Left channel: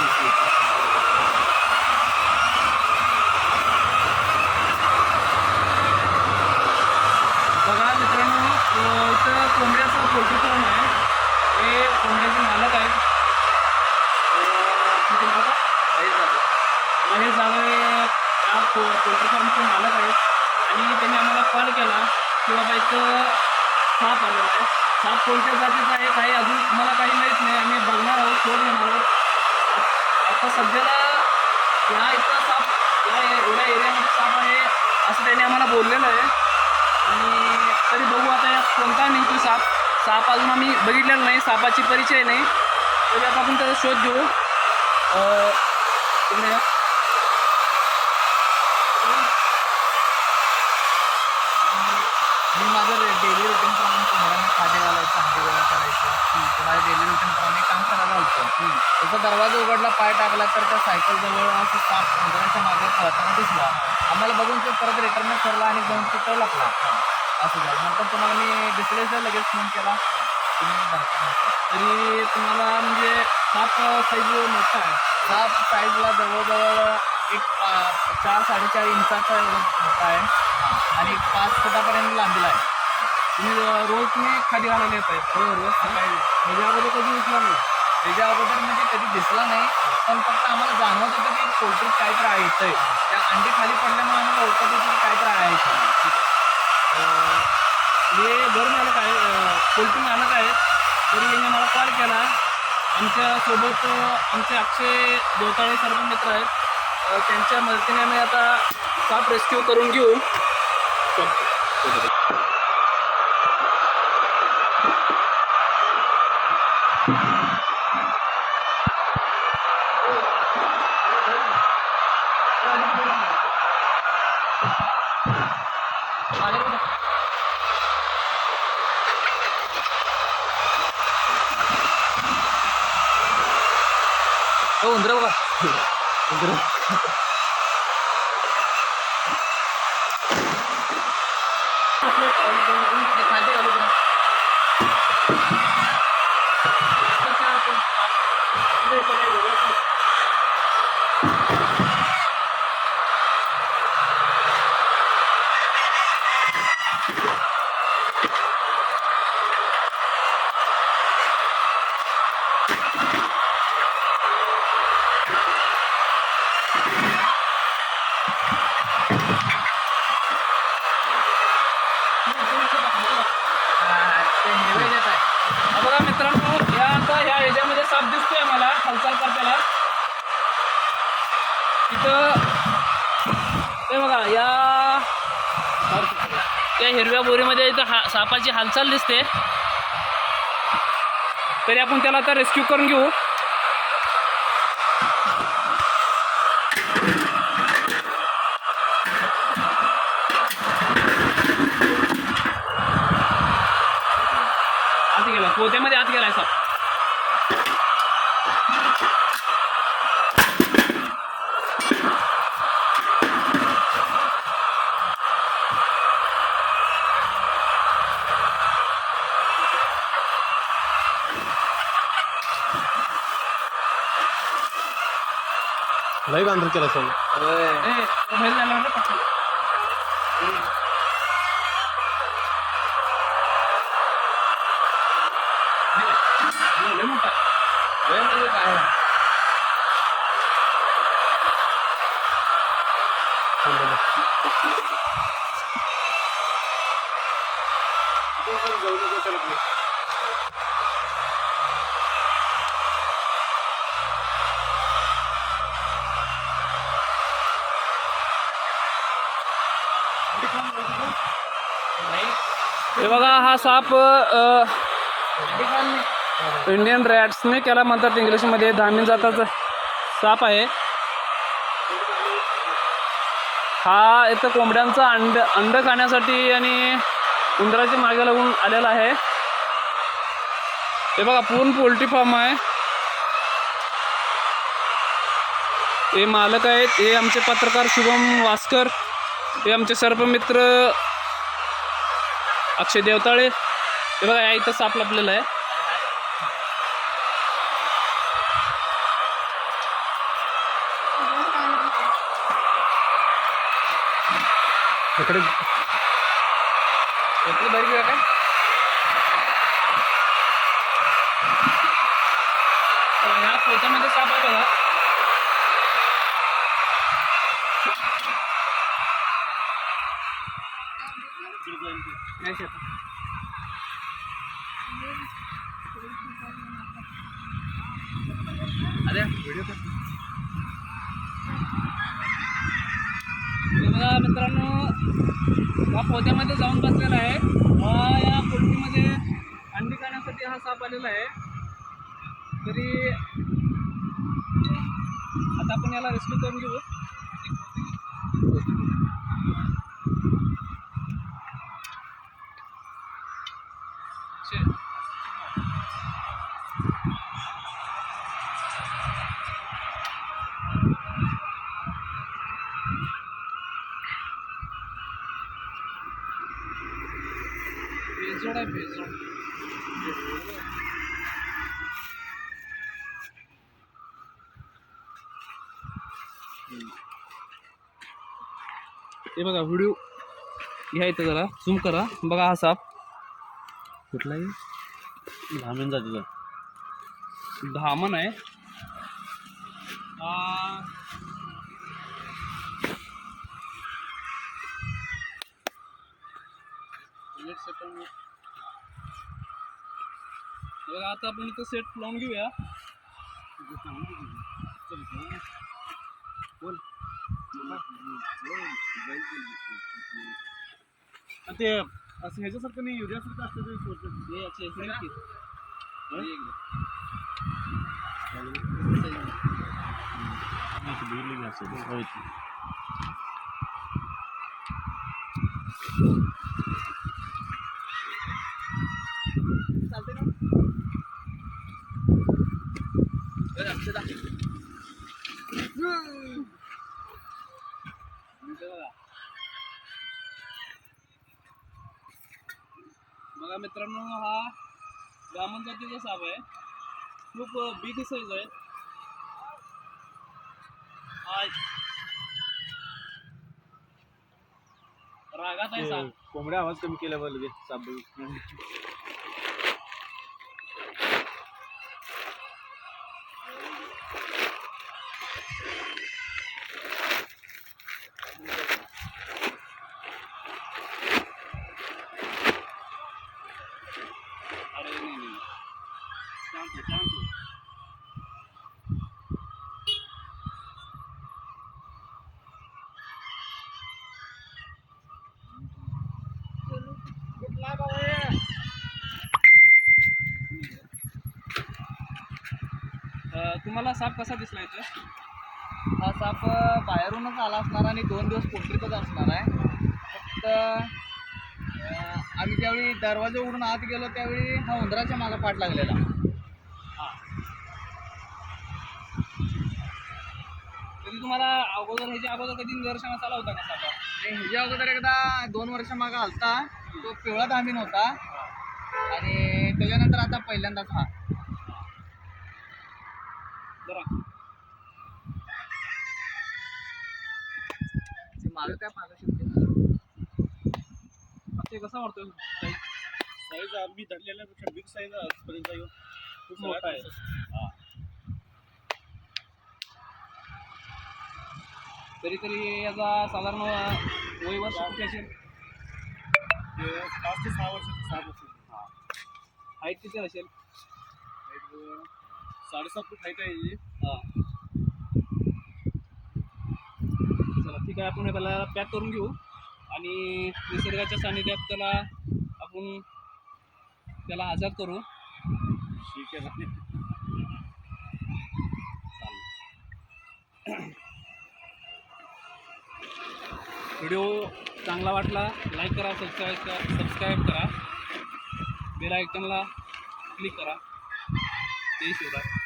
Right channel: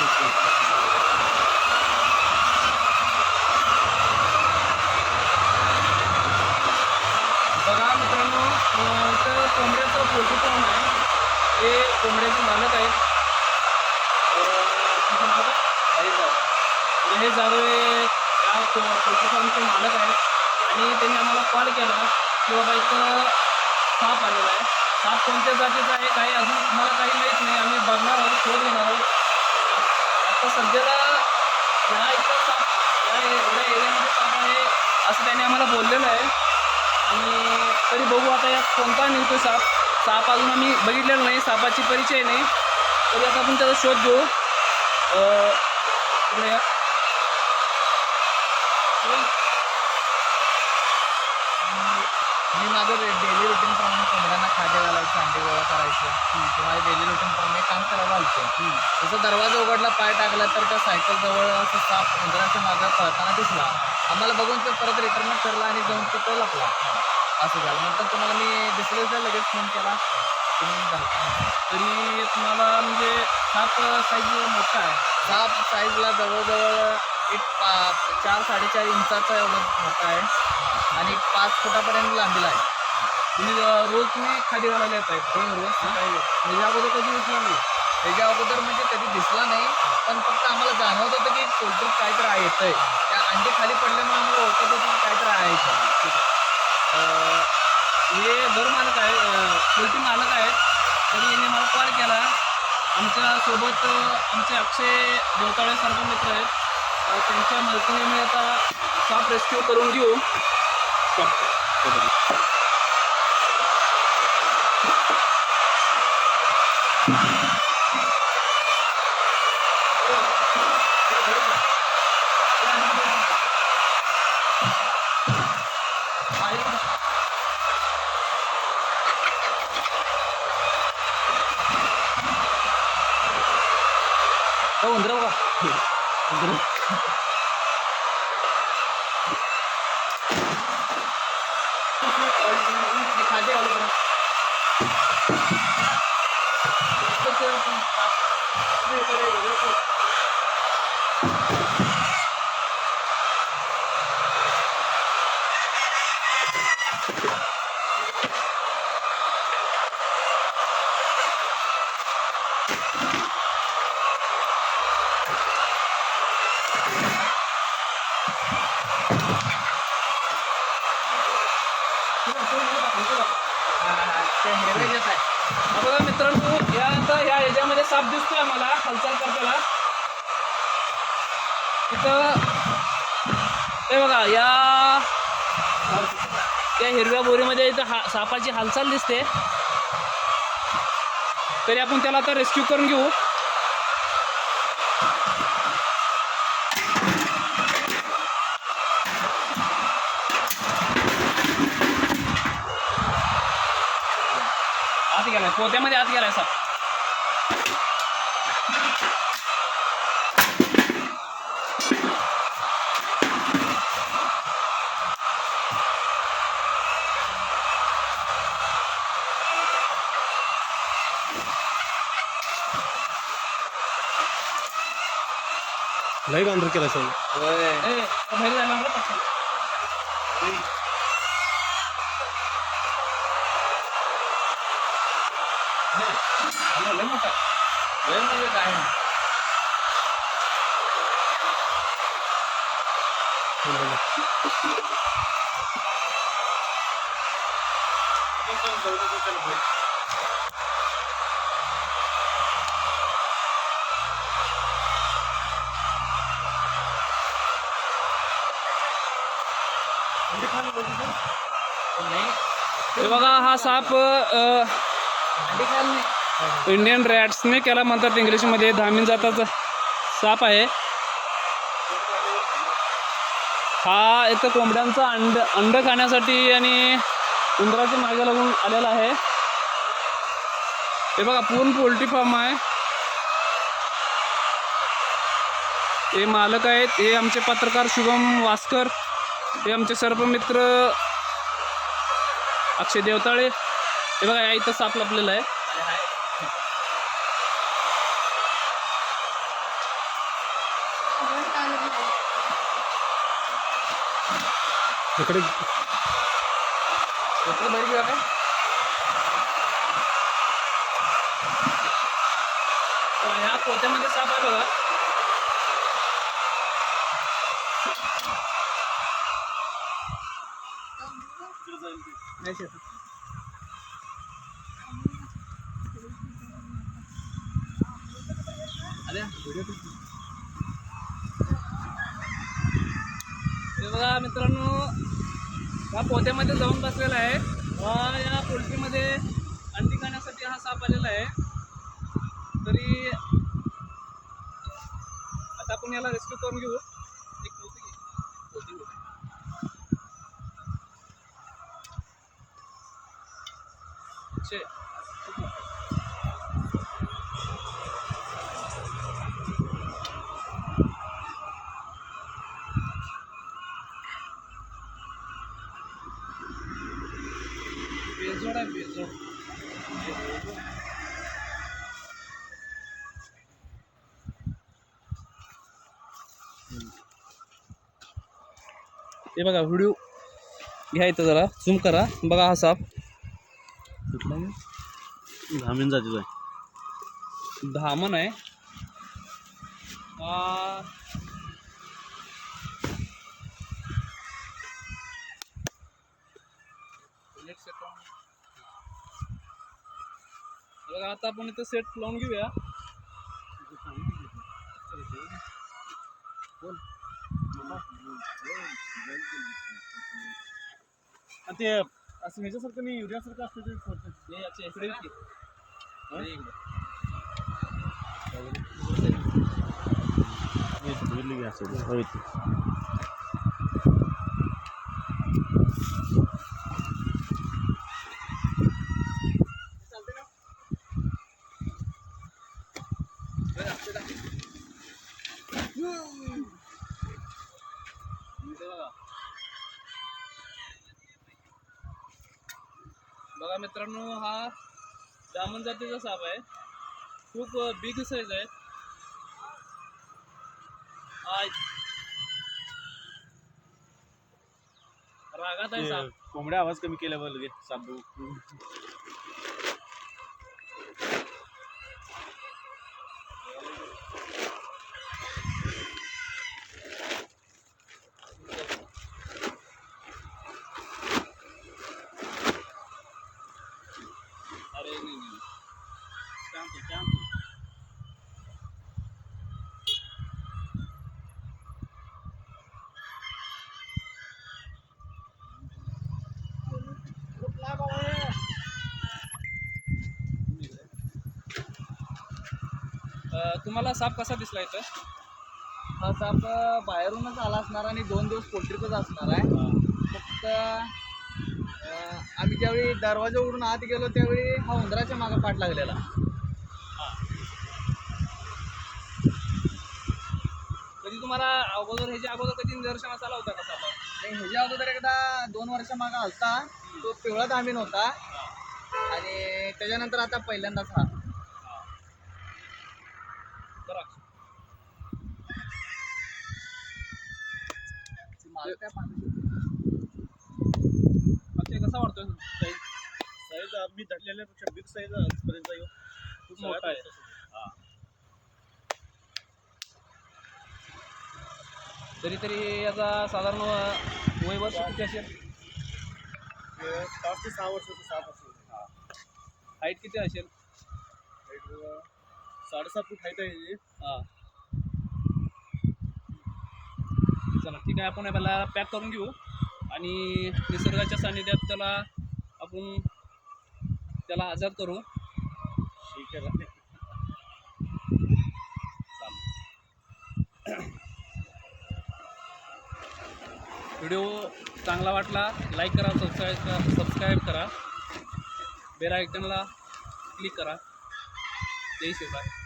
बघा मित्रांनो इथं कोंबड्याचं पोल्ट्री फार्म आहे. हे कोंबड्याचे मालक आहेत. हे या पोल्ट्री फार्मचे मालक आहेत. आणि त्यांनी आम्हाला कॉल केला की बाबा इथं साप आलेला आहे. साप कोणत्या जातीचा आहे काही अजून मला काही माहीत नाही. आम्ही बघणार आहोत शोध घेणार आहोत. आता सध्याला ह्या इथं साप या एवढ्या एरियामध्ये साप आहे असं त्याने आम्हाला बोललेलं आहे. आणि तरी बघू आता यात कोणता निघतो साप. साप अजून आम्ही बघितलेला नाही सापाची परिचय नाही. तरी आता आपण त्याचा शोध घेऊ अं, इकडे या. मी माझं डेली रुटीन प्रमाणे कोंबड्यांना खाद्य घालायचं अंडे गोळा करायचं ते डेली रुटीनप्रमाणे काम करायला होतं त्याचा दरवाजा उघडला पाय टाकला तर त्या सायकल जवळ असं साप उंदराच्या मागे पळताना दिसला. आम्हाला बघून तो परत रिटर्न करला आणि जाऊन तिथं लपला. असं झालं. नंतर तुम्हाला मी दिसलेच लगेच फोन केला. तुम्ही तरी तुम्हाला म्हणजे साप साईज मोठा आहे. साप साईजला जवळजवळ एक पा चार साडेचार इंचाचा एवढं मोठा आहे. आणि पाच फुटापर्यंत लांबीला आहे. तुम्ही रोज तुम्ही खाली घालायला येत आहेत हो रोज सकाळी त्याच्या म्हणजे अगोदर कधी दिसला नाही. त्याच्या अगोदर म्हणजे कधी दिसला नाही. पण फक्त आम्हाला जाणवत होतं की पोल्ट्री काहीतरी आहे येतंय त्या अंडी खाली पडल्यामुळे आम्हाला ओळखत होतं की काहीतरी आहे ठीक आहे. हे घर मालक आहे पोल्ट्री मालक आहेत. तरी यांनी मला कॉल केला. आमच्यासोबत आमचे अक्षय देवताळे सर्व मित्र आहेत. त्यांच्या मदतीने आम्ही आता साप रेस्क्यू करून घेऊ. हो उंदर बघा उंदर खाते घालू तुम्ही. ते हिरवे घेत आहे हा बघा मित्रांनो या आता ह्या ह्याच्यामध्ये साप दिसतोय मला हालचाल करताना. तिथं ते बघा या त्या हिरव्या बोरीमध्ये इथं हा सापाची हालचाल दिसते. तरी आपण त्याला आता रेस्क्यू करून घेऊ आत गेलाय पोत्यामध्ये आत गेलाय साप. लई बांधर केला सर होय ए, बाहेर जायला लागलं पटकन. हे, लय मोठा. लय म्हणजे काय नाही. हे बघा हा साप अ, इंडियन रॅट्सने केला म्हणतात इंग्लिशमध्ये धामीन जाताचा साप आहे. हा इथं कोंबड्यांचा अंड अंड खाण्यासाठी आणि उंदराच्या मागे लागून आलेला आहे. हे बघा पूर्ण पोल्ट्री फार्म आहे. हे मालक आहेत. हे आमचे पत्रकार शुभम वास्कर. हे आमचे सर्पमित्र अक्षय देवताळे. हे बघा या इथं साप लपलेला आहे. इकडे इकडे बाहेर घेऊया काय? तर ह्या पोत्यामध्ये साप आहे. बघा नाही शेतात. अरे व्हिडिओ कर हे बघा मित्रांनो या पोत्यामध्ये जाऊन बसलेला आहे. या पोल्ट्रीमध्ये अंडी खाण्यासाठी हा साप आलेला आहे. तरी आता आपण याला रेस्क्यू करून घेऊ. हे बघा व्हिडिओ घ्या इथं जरा झूम करा. बघा हा साप. कुठलाही धामीन जातीचा आहे. धामण आहे. हा. एक सेकंड बघा आता आपण इथं सेट लावून घेऊया. आणि ते असं ह्याच्यासारखं नाही युरियासारखं असतं ते सोडतं. हे याचे इकडे की. हे असेल होय ती. चालते का बरं, असं दाखव. इथे बघा बघा मित्रांनो हा जामन जातीचा साप आहे. खूप बिग साईज आहे. रागात आहे साप. कोंबड्या आवाज कमी केल्यावर लगेच साप बघू. अरे नाही नाही शांत हो, शांत हो. अं, तुम्हाला साप कसा दिसला इथं? हा साप बाहेरूनच आला असणार आणि दोन दिवस पोल्ट्रीतच असणार आहे. फक्त आम्ही ज्यावेळी दरवाजा उघडून आत गेलो त्यावेळी हा उंदराच्या मागे पाठ लागलेला. तुम्हाला अगोदर ह्याच्या अगोदर कधी निदर्शनास आला होता का सापा नाही ह्याच्या अगोदर एकदा दोन वर्षामागं आलता. तो पिवळा धामीन होता. आणि त्याच्यानंतर आता पहिल्यांदाच हा. जरा. मागं काय मागं शिकते मग ते कसा वाटतोय? साईज आम्ही धरलेल्यापेक्षा बिग साईज आजपर्यंत. येऊन खूप मोठा आहे. तरी तरी याचा साधारण वय वर्ष किती असेल? पाच ते सहा वर्षाचं साप असेल हा. हाईट किती असेल? साडेसात फूट हाईट आहे याची. हा. चला ठीक आहे आपण याला पॅक करून घेऊ. आणि निसर्गाच्या सानिध्यात त्याला आपण त्याला आजाद करू. ठीक आहे व्हिडिओ चांगला वाटला लाईक करा सबस्क्राईब करा सबस्क्राईब करा. बेल आयकनला क्लिक करा. जय शिवराय.